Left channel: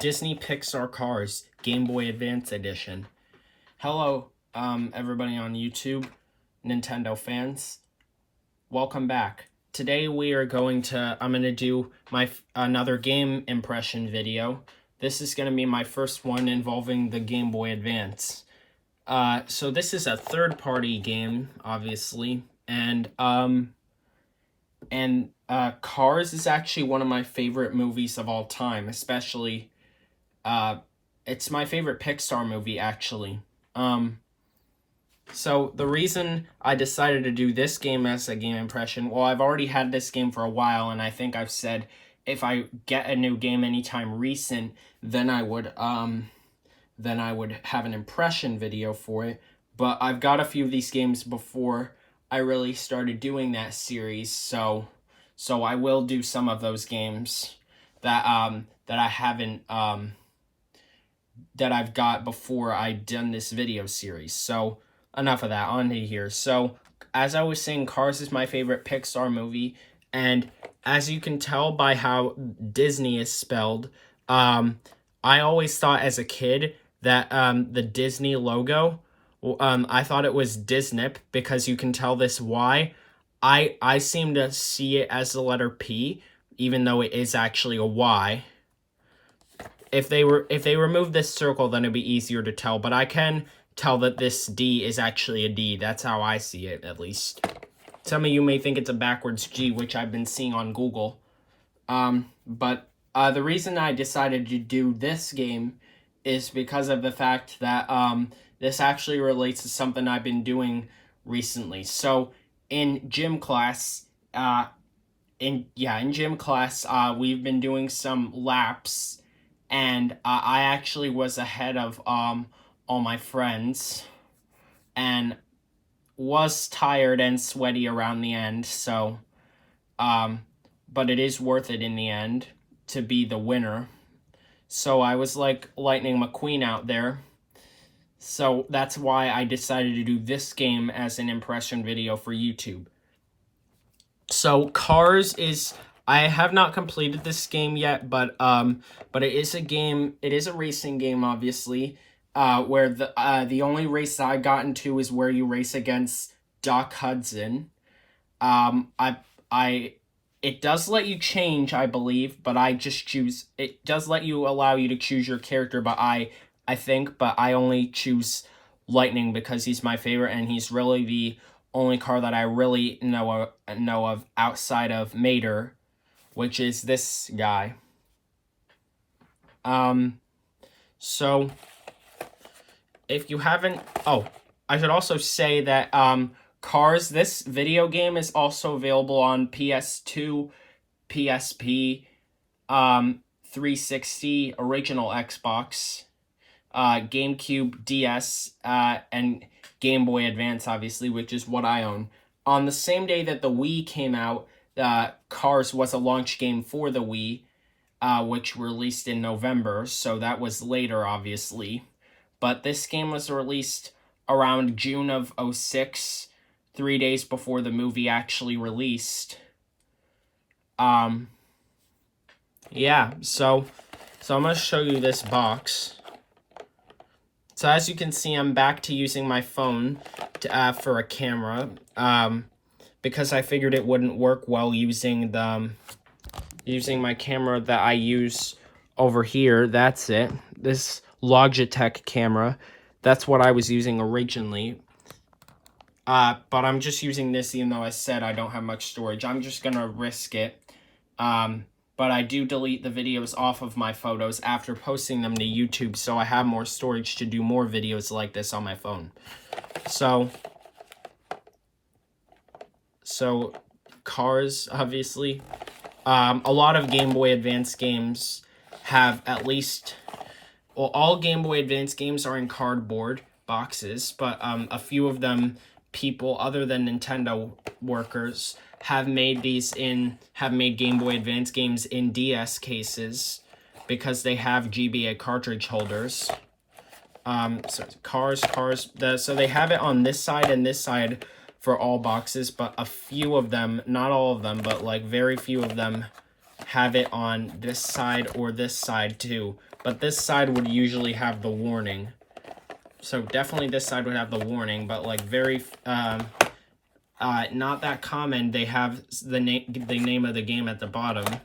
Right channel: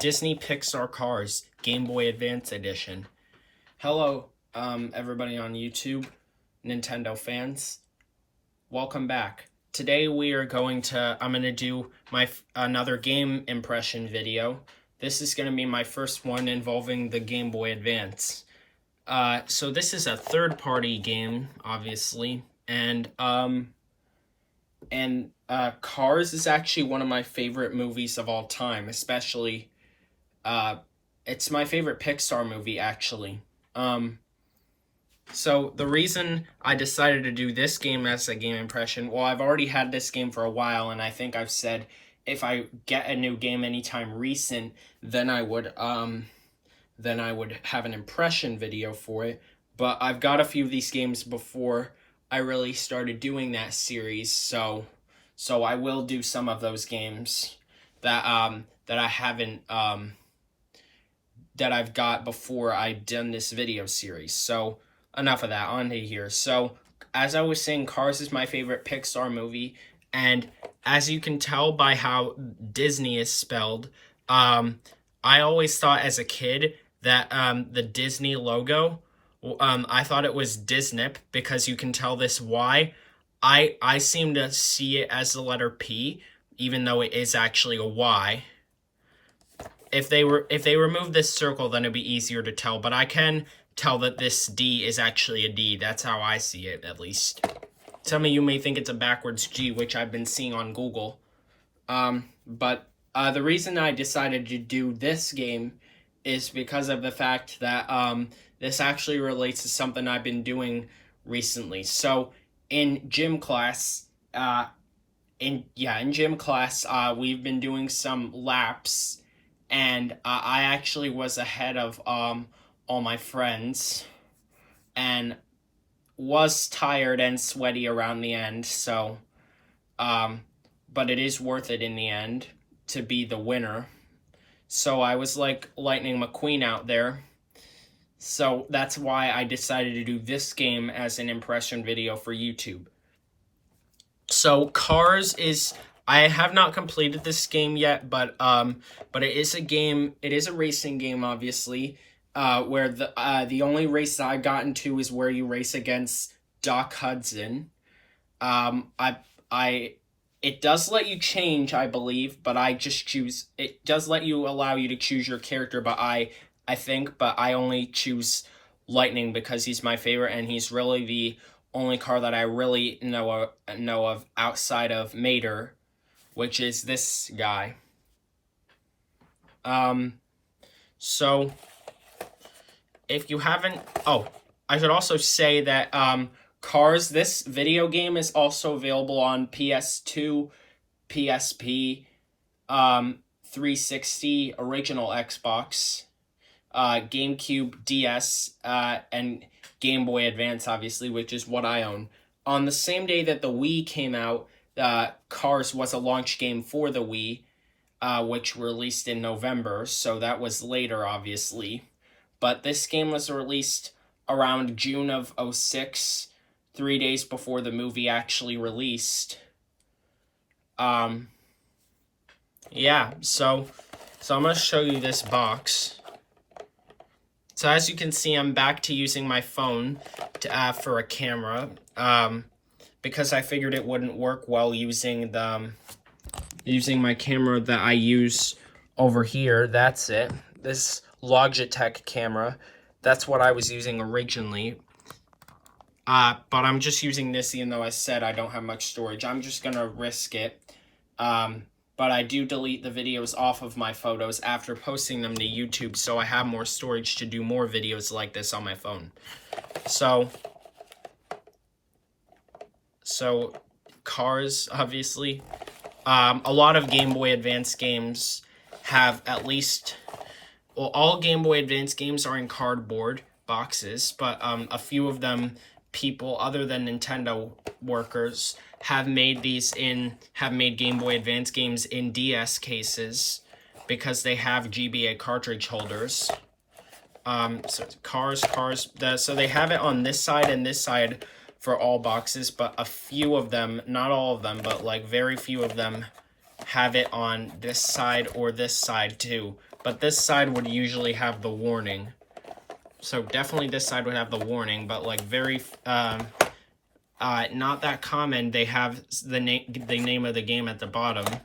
Disney Pixar Cars Game Boy Advance Edition. Hello, everybody on YouTube, Nintendo fans. Welcome back. Today I'm going to do another game impression video. This is going to be my first one involving the Game Boy Advance. So this is a third-party game, obviously, and Cars is actually one of my favorite movies of all time, especially, it's my favorite Pixar movie, actually. So the reason I decided to do this game as a game impression, well, I've already had this game for a while, and I think I've said if I get a new game anytime recent, then I would have an impression video for it. But I've got a few of these games before I really started doing that series, so I will do some of those games that I haven't that I've got before I've done this video series. So enough of that, on to here. So as I was saying, Cars is my favorite Pixar movie, and as you can tell by how Disney is spelled, I always thought as a kid that the Disney logo, I thought it was Disney because you can tell this Y. I seem to see it as the letter P, even though it is actually a Y. If they remove this circle, then it'd be easier to tell, but I can tell that this D is actually a D. That's how I see it, at least. Some of you may think it's a backwards G, which I've been seeing on Google. But the reason I decided to do this game is because of the fact that this actually relates to something I've been doing recently. So in gym class, we've been doing some laps, and I actually was ahead of all my friends, and was tired and sweaty around the end. So, but it is worth it in the end to be the winner. So I was like Lightning McQueen out there. So that's why I decided to do this game as an impression video for YouTube. So Cars is, I have not completed this game yet, but it is a game, it is a racing game, obviously, where the only race that I've gotten to is where you race against Doc Hudson. It does let you change, I believe, but I just choose, it does allow you to choose your character, but I only choose Lightning because he's my favorite, and he's really the only car that I really know of outside of Mater, which is this guy. So if you haven't, I should also say that Cars, this video game is also available on PS2, PSP, 360, original Xbox, GameCube, DS, and Game Boy Advance, obviously, which is what I own. On the same day that the Wii came out, Cars was a launch game for the Wii, which released in November, so that was later, obviously. But this game was released around June of 2006, 3 days before the movie actually released. Yeah, so I'm going to show you this box. So as you can see, I'm back to using my phone for a camera, because I figured it wouldn't work well using my camera that I use over here. That's it. This Logitech camera. That's what I was using originally. But I'm just using this, even though I said I don't have much storage. I'm just gonna risk it. But I do delete the videos off of my photos after posting them to YouTube, so I have more storage to do more videos like this on my phone. So Cars, obviously. A lot of Game Boy Advance games have at least, well, all Game Boy Advance games are in cardboard boxes, but a few of them, people other than Nintendo workers, have made Game Boy Advance games in DS cases because they have GBA cartridge holders. So Cars, so they have it on this side and this side for all boxes, but a few of them, not all of them, but like very few of them have it on this side or this side too, but this side would usually have the warning. So definitely this side would have the warning, but like very not that common. They have the name of the game at the bottom.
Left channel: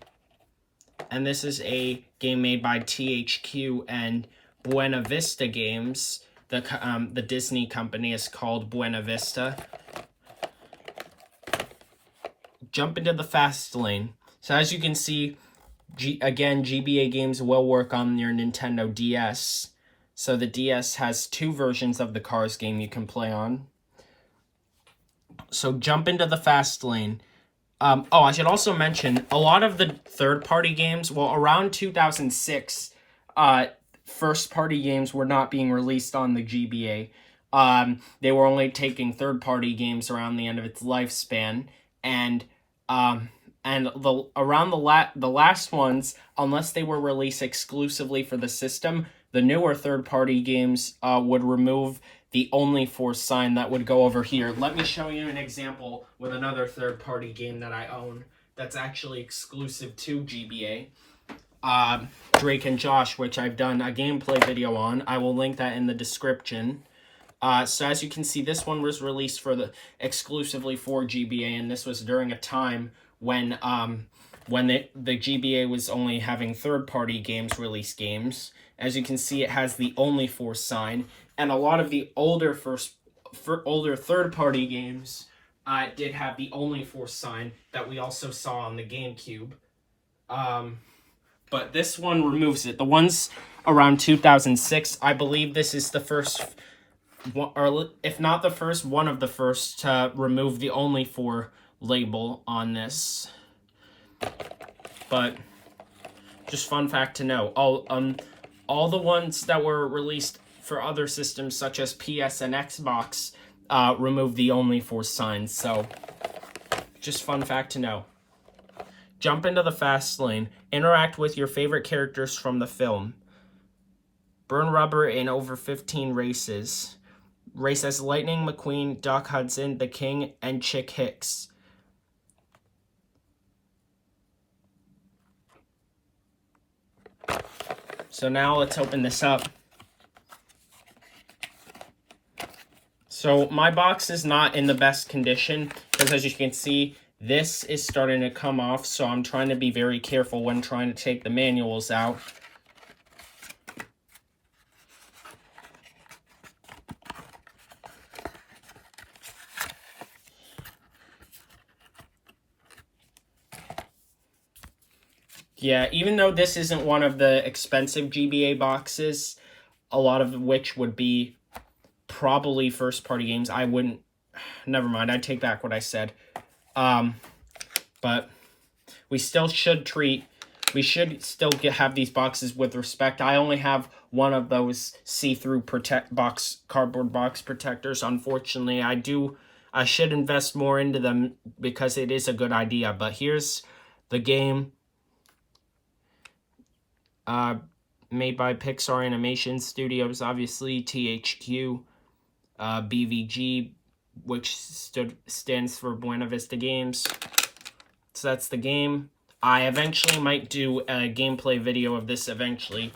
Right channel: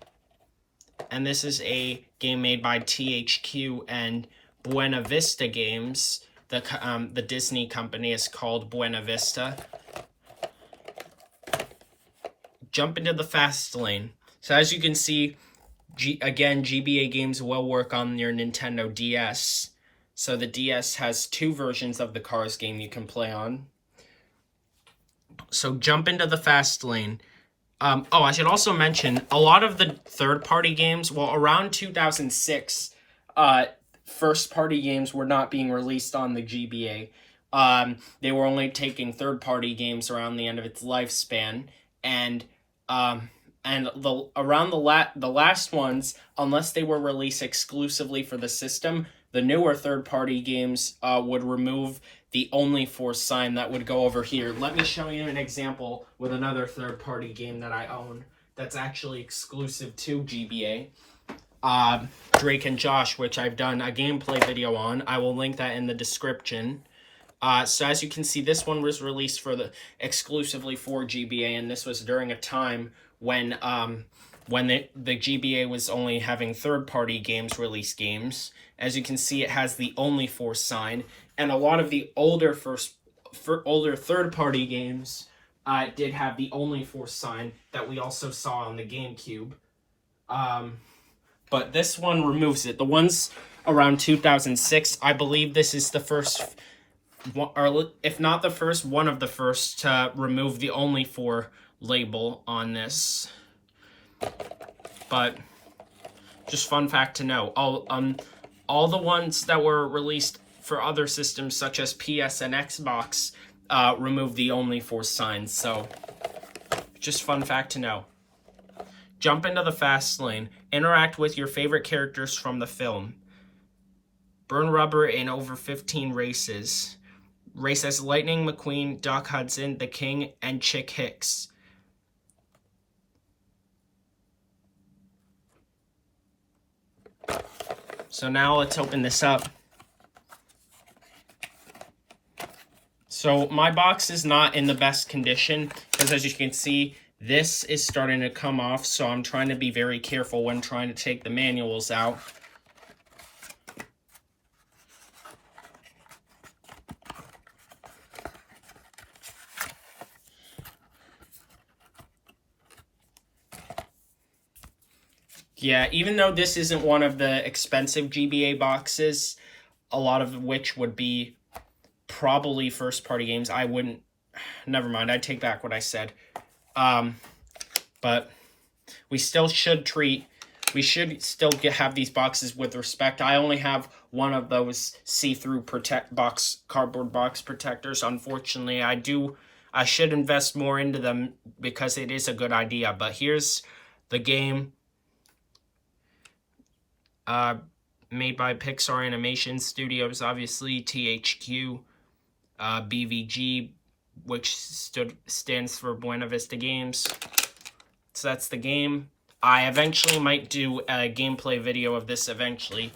And this is a game made by THQ and Buena Vista Games. The Disney company is called Buena Vista. Jump into the fast lane. So as you can see, again, GBA games will work on your Nintendo DS. So the DS has 2 versions of the Cars game you can play on. So jump into the fast lane. I should also mention, a lot of the third-party games, well, around 2006, first-party games were not being released on the GBA. They were only taking third-party games around the end of its lifespan, and around the last ones, unless they were released exclusively for the system, the newer third-party games would remove the only for sign that would go over here. Let me show you an example with another third-party game that I own that's actually exclusive to GBA. Drake and Josh, which I've done a gameplay video on. I will link that in the description. So as you can see, this one was released exclusively for GBA, and this was during a time when the GBA was only having third-party games release games. As you can see, it has the only for sign, and a lot of the older third-party games did have the only for sign that we also saw on the GameCube. But this one removes it. The ones around 2006, I believe this is the first, or if not the first, one of the first to remove the only for label on this. But just fun fact to know, all the ones that were released for other systems such as PS and Xbox removed the only for sign. So just fun fact to know. Jump into the fast lane. Interact with your favorite characters from the film. Burn rubber in over 15 races. Race as Lightning McQueen, Doc Hudson, The King, and Chick Hicks. So now let's open this up. So my box is not in the best condition because, as you can see, this is starting to come off, so I'm trying to be very careful when trying to take the manuals out. Yeah, even though this isn't one of the expensive GBA boxes, a lot of which would be probably first-party games, I wouldn't... Never mind, I take back what I said. But we still should have these boxes with respect. I only have one of those see-through cardboard box protectors. Unfortunately, I should invest more into them because it is a good idea. But here's the game. Made by Pixar Animation Studios, obviously, THQ, BVG, which stands for Buena Vista Games. So that's the game. I eventually might do a gameplay video of this eventually.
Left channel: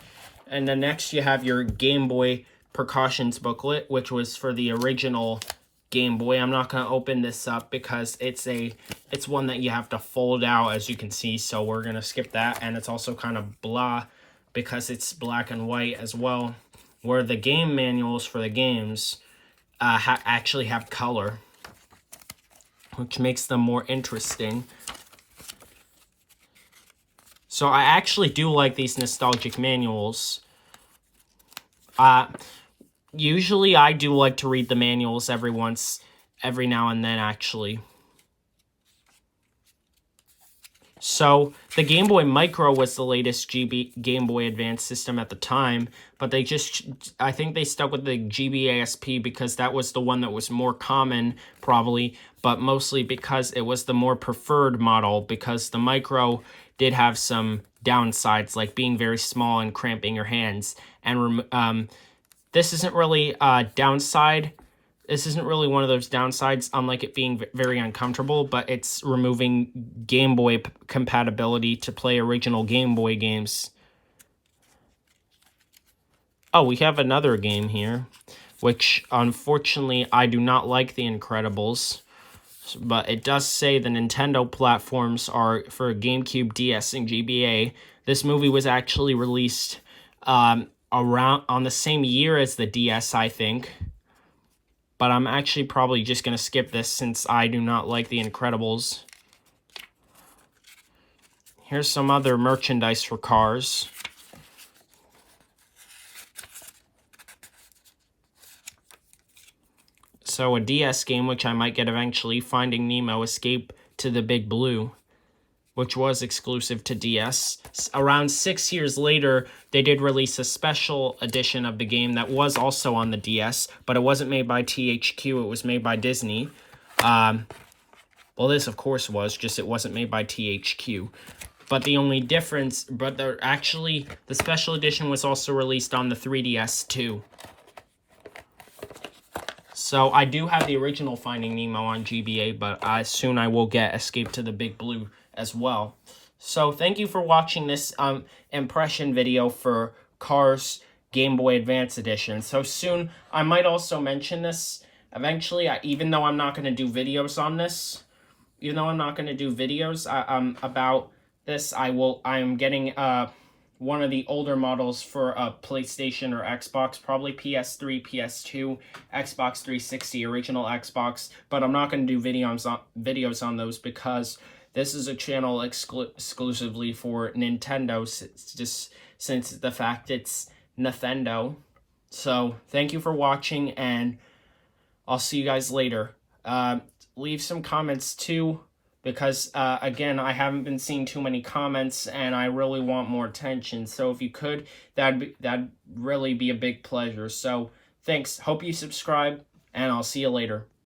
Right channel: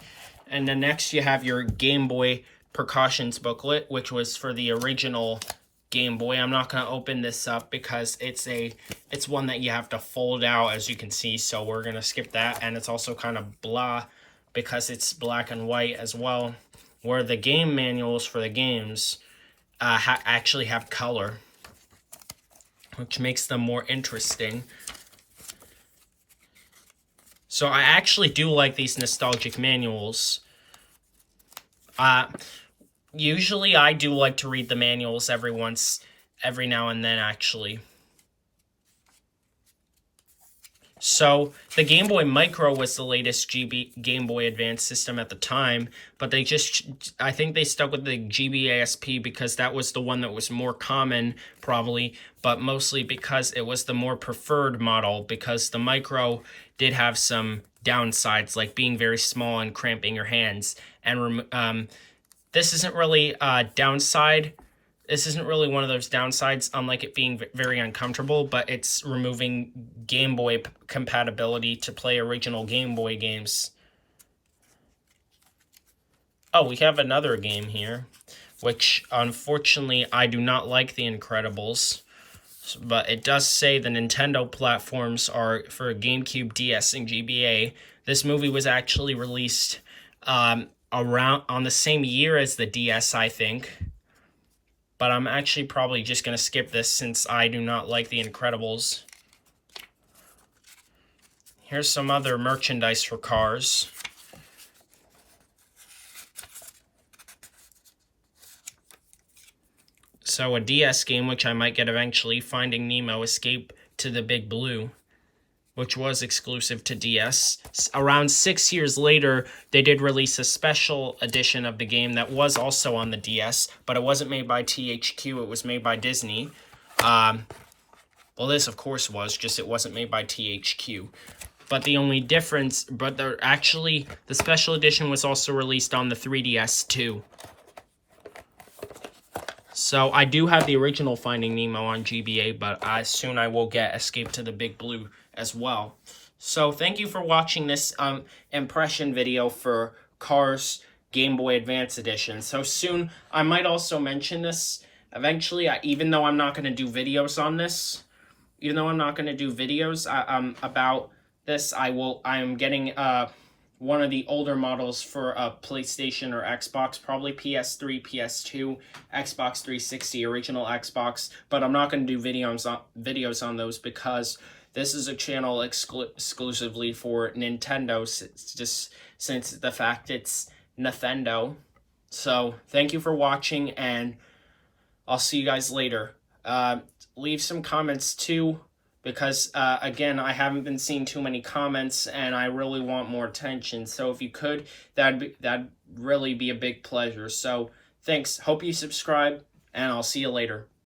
And then next you have your Game Boy precautions booklet, which was for the original Game Boy. I'm not going to open this up because it's one that you have to fold out, as you can see, so we're going to skip that. And it's also kind of blah because it's black and white as well, where the game manuals for the games actually have color, which makes them more interesting. So I actually do like these nostalgic manuals. Usually I do like to read the manuals every now and then, actually. So the Game Boy Micro was the latest Game Boy Advance system at the time, but I think they stuck with the GBASP because that was the one that was more common, probably, but mostly because it was the more preferred model, because the Micro did have some downsides, like being very small and cramping your hands. And this isn't really a downside. This isn't really one of those downsides, unlike it being very uncomfortable, but it's removing Game Boy compatibility to play original Game Boy games. Oh, we have another game here, which unfortunately I do not like The Incredibles. But it does say the Nintendo platforms are for GameCube, DS, and GBA. This movie was actually released around on the same year as the DS, I think. But I'm actually probably just going to skip this since I do not like The Incredibles. Here's some other merchandise for Cars. So a DS game, which I might get eventually, Finding Nemo: Escape to the Big Blue, which was exclusive to DS. Around 6 years later, they did release a special edition of the game that was also on the DS, but it wasn't made by THQ, it was made by Disney. Well, this, of course, was, just it wasn't made by THQ. But the only difference, the special edition was also released on the 3DS, too. So I do have the original Finding Nemo on GBA, but soon I will get Escape to the Big Blue as well. So thank you for watching this impression video for Cars Game Boy Advance Edition. So soon, I might also mention this eventually, even though I'm not going to do videos on this. Even though I'm not going to do videos about this, I'm getting one of the older models for a PlayStation or Xbox, probably PS3, PS2, Xbox 360, original Xbox, but I'm not going to do videos on those because this is a channel exclusively for Nintendo, since the fact it's Nathendo. So, thank you for watching, and I'll see you guys later. Leave some comments too, because again, I haven't been seeing too many comments and I really want more attention. So if you could, that'd really be a big pleasure. So thanks. Hope you subscribe, and I'll see you later.